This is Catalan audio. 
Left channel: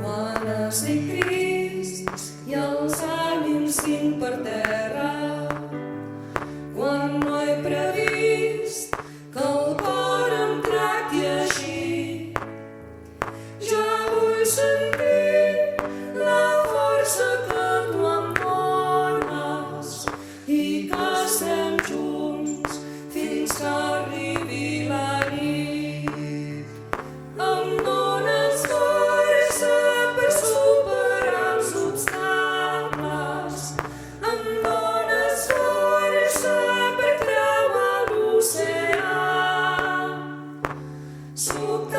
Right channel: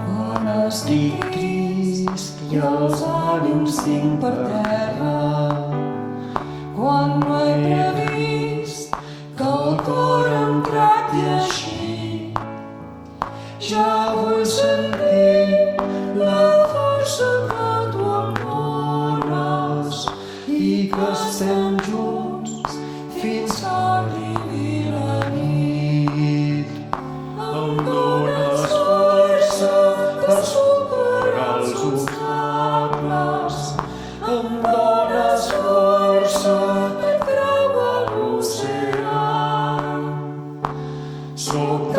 Quan estic trist i els ànims tinc per terra, quan no he previst que el cor em tracti així, ja vull sentir la força que tu em dones i que estem junts fins que arribi la nit. Em dones força per superar els obstacles, em dones força per creuar l'oceà. Sóc